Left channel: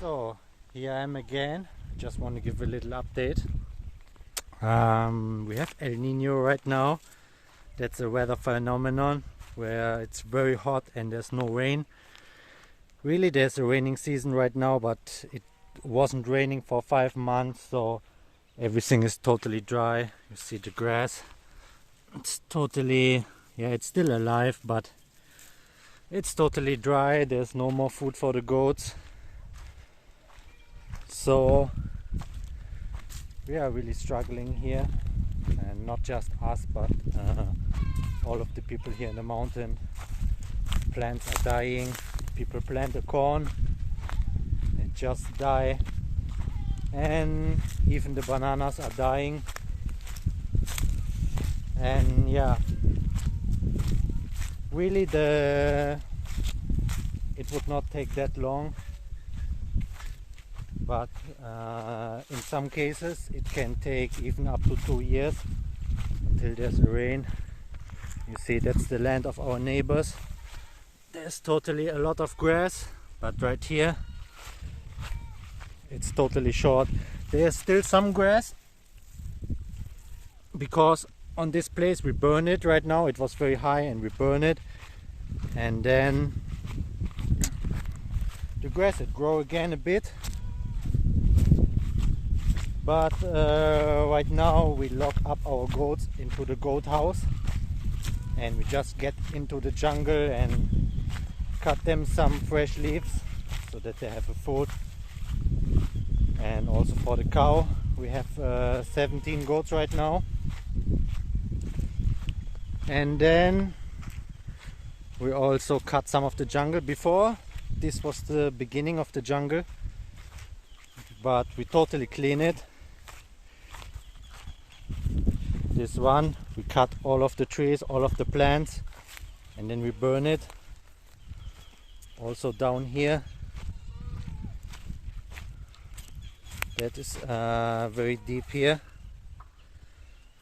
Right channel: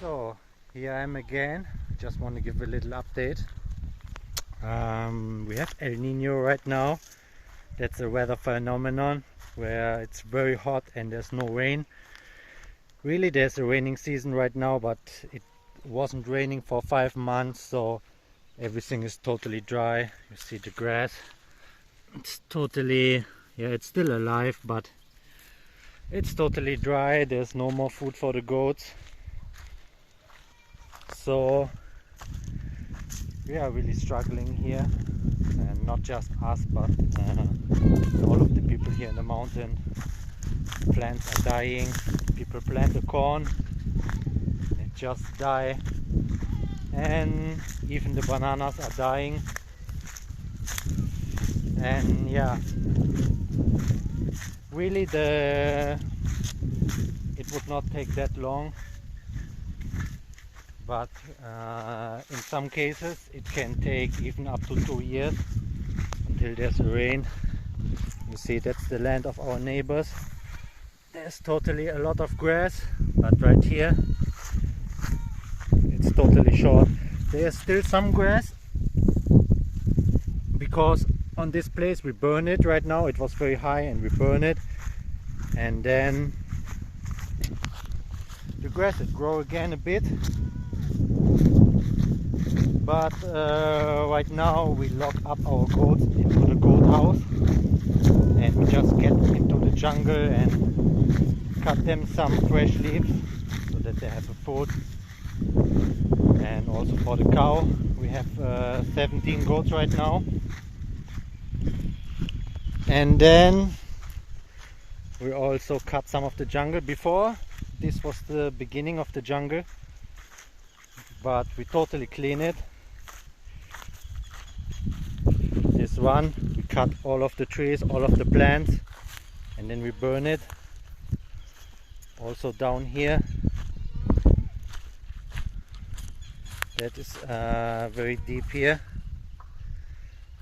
So here I am again. Just want to give a little update. We have El Niño right now. That's a weather phenomenon where it's very hot and there's no rain. Really, there's a raining season right now, but it wasn't raining for 5 months, so everything is totally dry. You see the grass. It's totally, yeah, it's still alive, but it's totally dry. There's no more food for the goats. So we are really struggling here, and not just us, but all of the people here in the mountain. Plants are dying. People plant the corn and it just die, and even the bananas are dying. And yeah, really it would not take that long, but in some cases it can take even up to 2 years until there's rain. You see, that's the land of our neighbors. There's totally a lot of grass, but right here it's totally short. There's still some grass because on this place we burn it right now. It was very high and we burn it, and then the grass it grow again a bit. But right now we lock up our goats into the goat house, and we just get into the jungle and cut them some fresh leaves so that they have a food. And also for the cow, we have 17 goats right now. And then we also cut some of the jungle. Before, this was the beginning of the jungle, but we totally clean it. This one, we cut all of the trees, all of the plants, and then we burn it. Also down here, that is very deep here,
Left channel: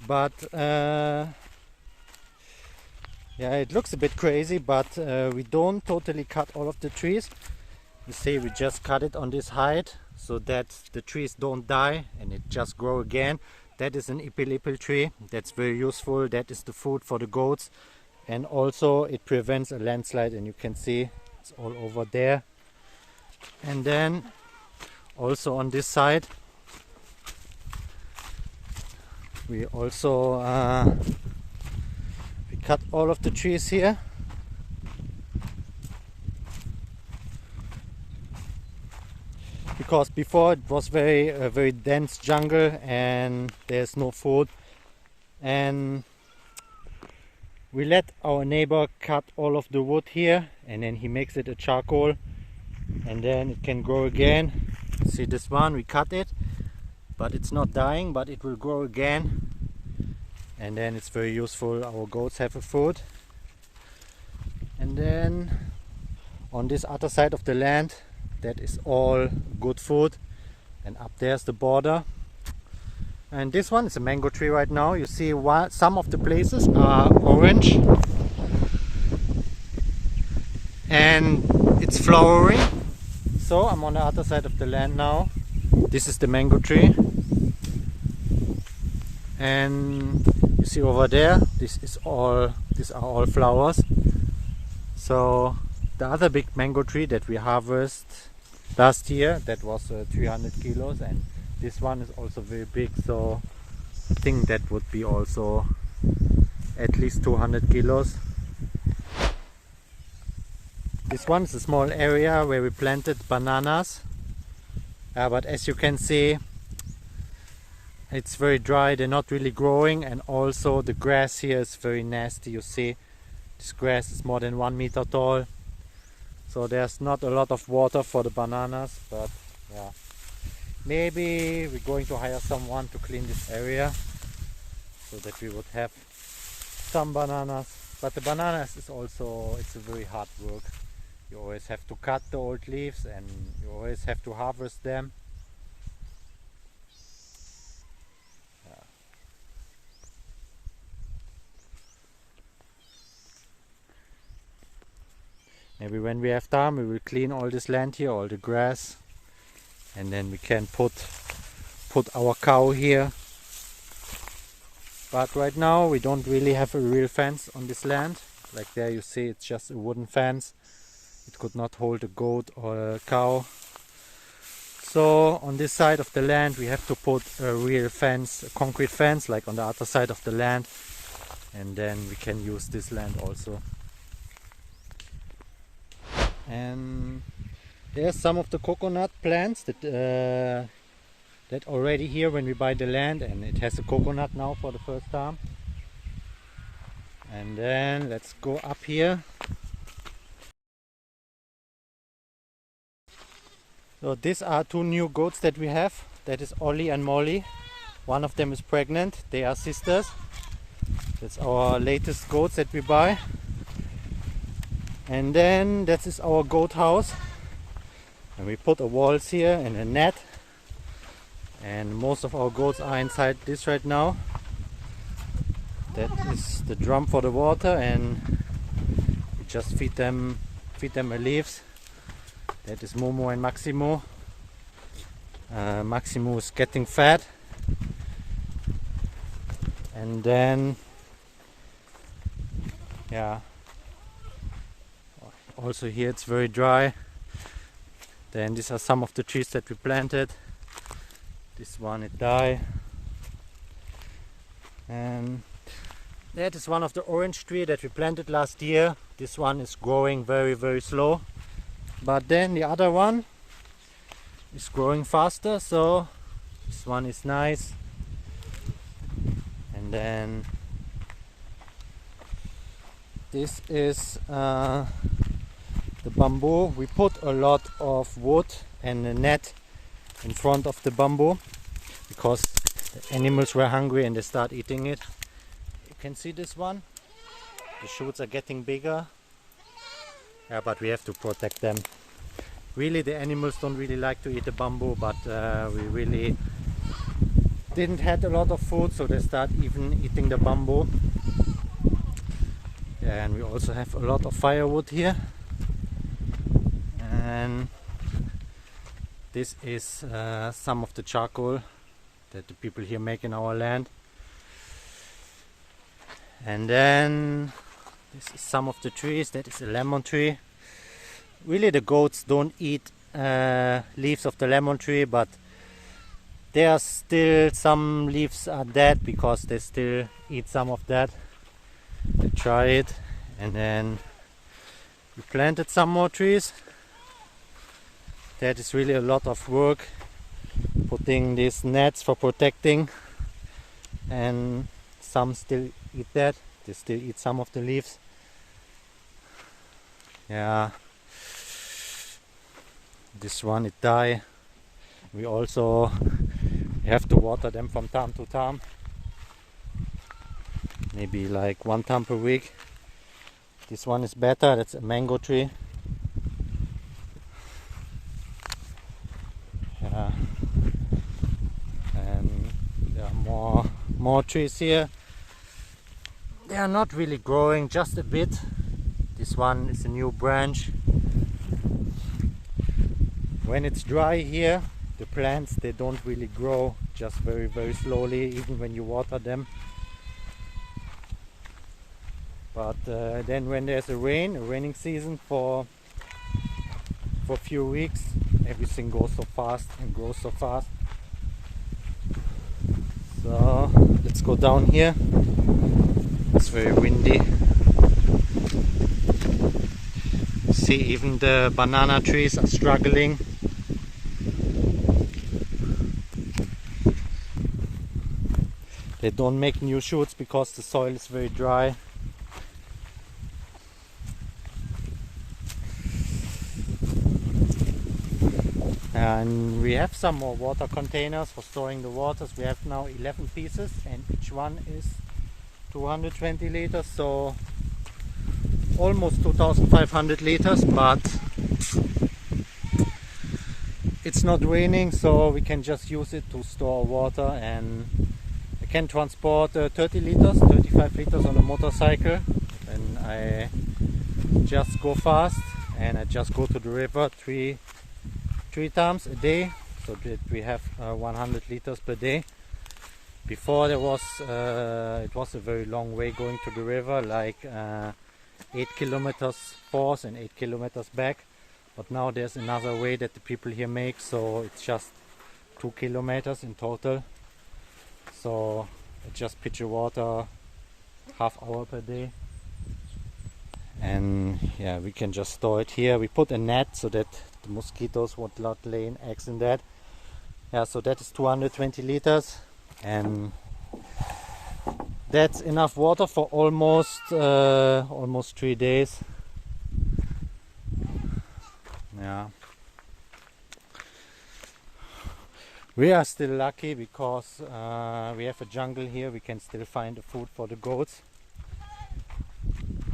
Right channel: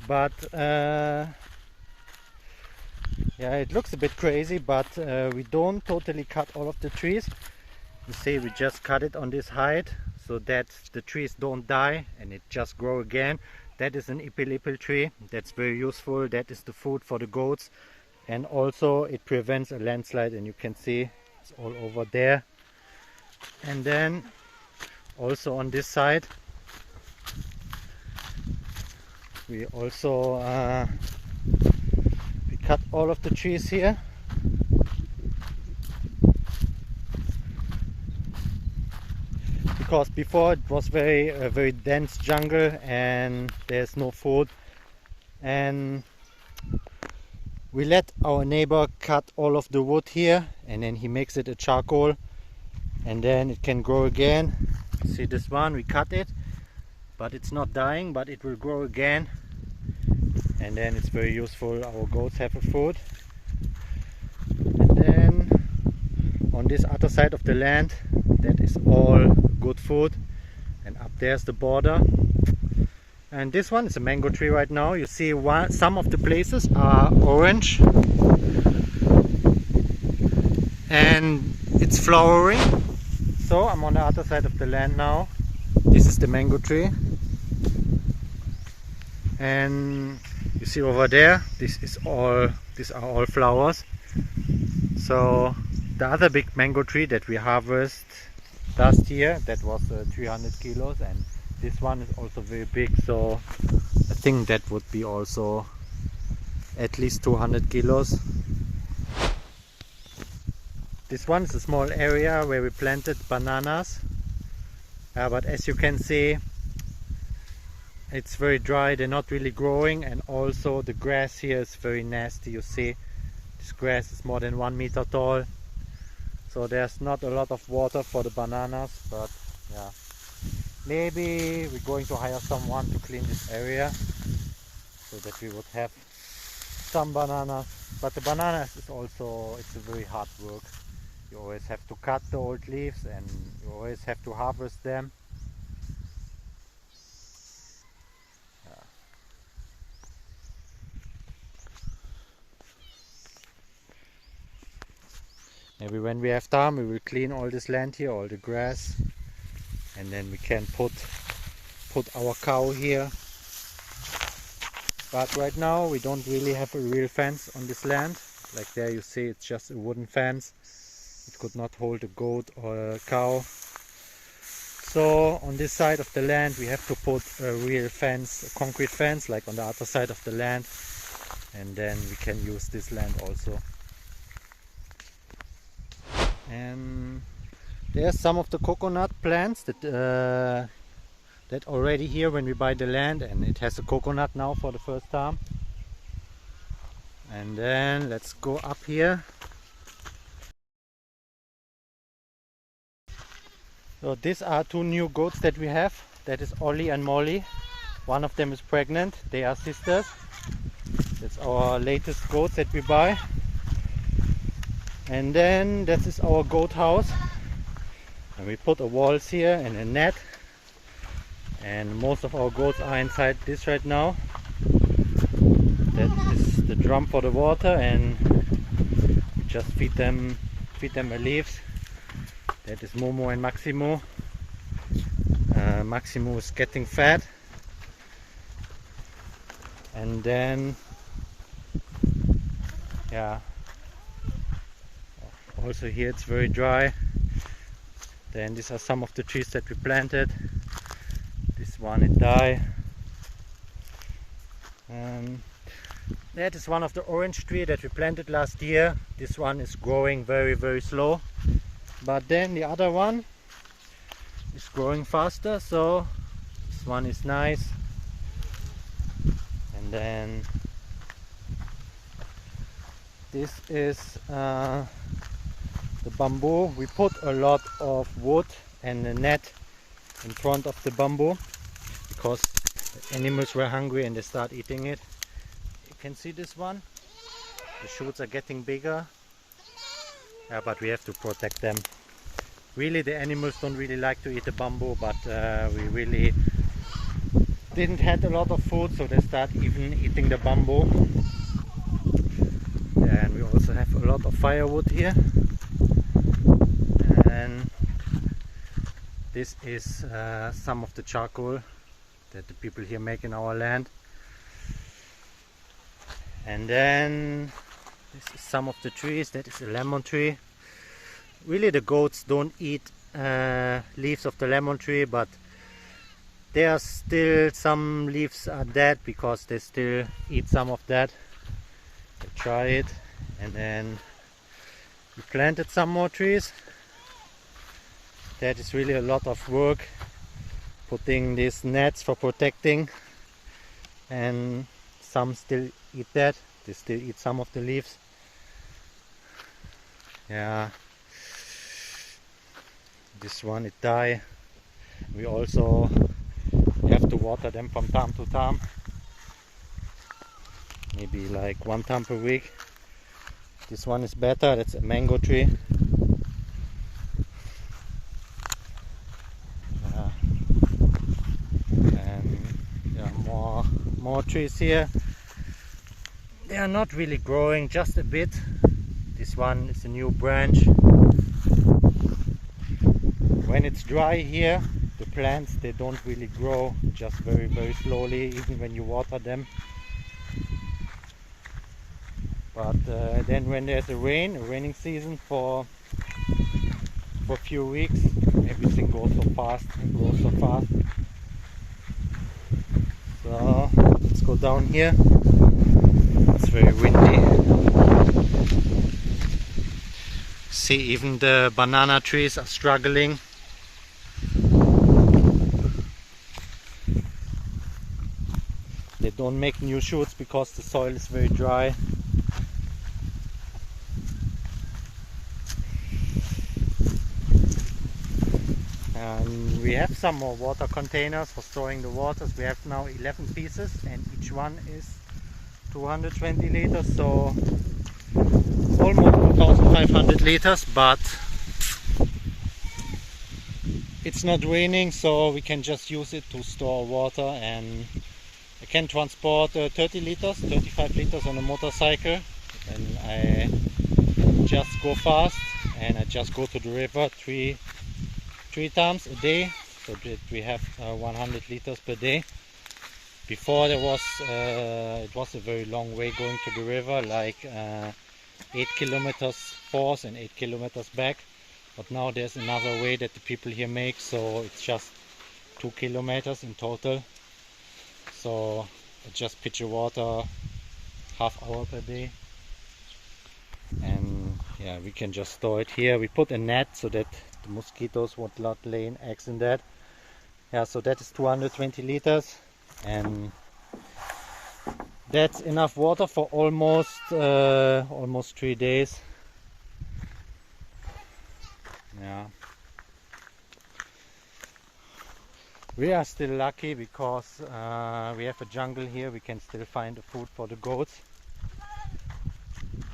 but yeah, it looks a bit crazy, but we don't totally cut all of the trees. You see, we just cut it on this height so that the trees don't die and it just grow again. That is an ipil tree. That's very useful. That is the food for the goats, and also it prevents a landslide, and you can see it's all over there. And then also on this side we also we cut all of the trees here. Because before it was very dense jungle and there's no food, and we let our neighbor cut all of the wood here, and then he makes it a charcoal, and then it can grow again. See this one, we cut it, but it's not dying, but it will grow again, and then it's very useful. Our goats have a food. And then on this other side of the land, that is all good food, and up there's the border. And this one is a mango tree right now. You see some of the places are orange and it's flowering. So I'm on the other side of the land now. This is the mango tree, and you see over there, these are all flowers. So the other big mango tree that we harvested last year, that was 300 kilos, and this one is also very big, so I think that would be also at least 200 kilos. This one is a small area where we planted bananas, but as you can see, it's very dry. They're not really growing, and also the grass here is very nasty. You see, this grass is more than 1 meter tall. So there's not a lot of water for the bananas, but yeah, maybe we're going to hire someone to clean this area so that we would have some bananas. But the bananas is also, it's a very hard work. You always have to cut the old leaves and you always have to harvest them. Yeah. Maybe when we have time we will clean all this land here, all the grass, and then we can put our cow here. But right now we don't really have a real fence on this land. Like there you see, it's just a wooden fence. It could not hold a goat or a cow. So on this side of the land we have to put a real fence, a concrete fence, like on the other side of the land, and then we can use this land also. And there's some of the coconut plants that already here when we buy the land, and it has a coconut now for the first time. And then let's go up here. So these are two new goats that we have. That is Ollie and Molly. One of them is pregnant. They are sisters. That's our latest goats that we buy. And then that is our goat house. And we put a walls here and a net. And most of our goats are inside this right now. That is the drum for the water, and we just feed them leaves. That is Momo and Maximo. Maximo is getting fat. And then, yeah, also here it's very dry. Then these are some of the trees that we planted. This one it died. And that is one of the orange trees that we planted last year. This one is growing very, very slow. But then the other one is growing faster, so this one is nice. And then this is the bamboo. We put a lot of wood and a net in front of the bamboo because the animals were hungry and they start eating it. You can see this one. The shoots are getting bigger. Yeah, but we have to protect them. Really, the animals don't really like to eat the bamboo, but we really didn't have a lot of food, so they start even eating the bamboo. And we also have a lot of firewood here. And this is some of the charcoal that the people here make in our land. And then this is some of the trees. That is a lemon tree. Really, the goats don't eat leaves of the lemon tree, but there are still some leaves are dead because they still eat some of that. We try it, and then we planted some more trees. That is really a lot of work, putting these nets for protecting, and some still eat that. They still eat some of the leaves. Yeah, this one it died. We also have to water them from time to time, maybe like 1 time per week. This one is better. That's a mango tree. Yeah. And there are more trees here. They are not really growing, just a bit. This one is a new branch. When it's dry here, the plants, they don't really grow, just very, very slowly, even when you water them. But then when there's a raining season for a few weeks, everything goes so fast and grows so fast. So let's go down here. It's very windy. See, even the banana trees are struggling. They don't make new shoots because the soil is very dry. And we have some more water containers for storing the waters. We have now 11 pieces and each one is 220 liters, so almost 2,500 liters, but it's not raining, so we can just use it to store water. And I can transport 30 liters, 35 liters on a motorcycle, and I just go fast and I just go to the river three times a day so that we have 100 liters per day. Before there was it was a very long way going to the river, like 8 kilometers forth and 8 kilometers back, but now there's another way that the people here make, so it's just 2 kilometers in total. So I just pitch the water half hour per day, and yeah, we can just store it here. We put a net so that the mosquitoes would not lay eggs in that. Yeah, so that is 220 liters, and that's enough water for almost 3 days. Yeah, we are still lucky because we have a jungle here. We can still find the food for the goats,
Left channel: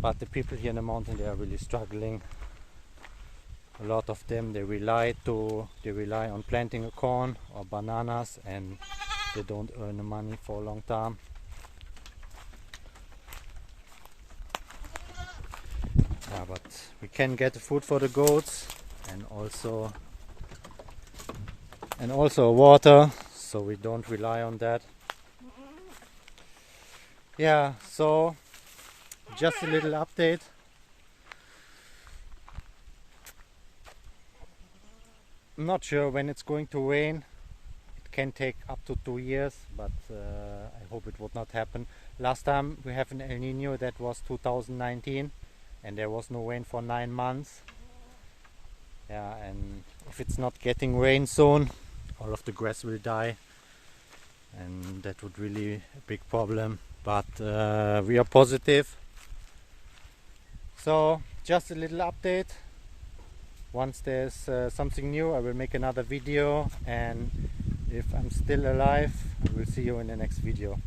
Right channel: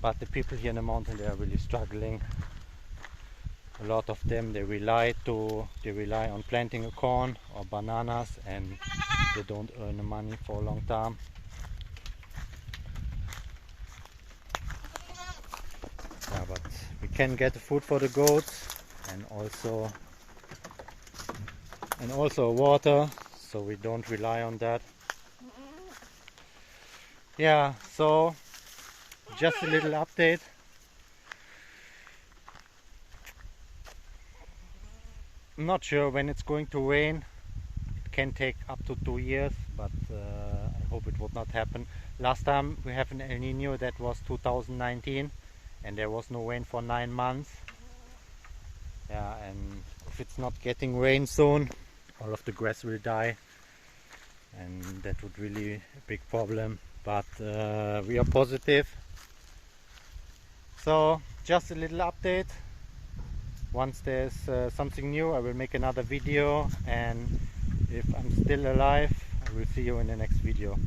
but the people here in the mountain, they are really struggling. A lot of them, they rely on planting a corn or bananas, and they don't earn the money for a long time. Yeah, but we can get the food for the goats, and also water, so we don't rely on that. Yeah, so just a little update. I'm not sure when it's going to rain. It can take up to 2 years, but I hope it would not happen. Last time we have an El Nino, that was 2019, and there was no rain for 9 months. Yeah, and if it's not getting rain soon, all of the grass will die, and that would really be a big problem. But we are positive. So just a little update. Once there's something new, I will make another video, and if I'm still alive, I will see you in the next video.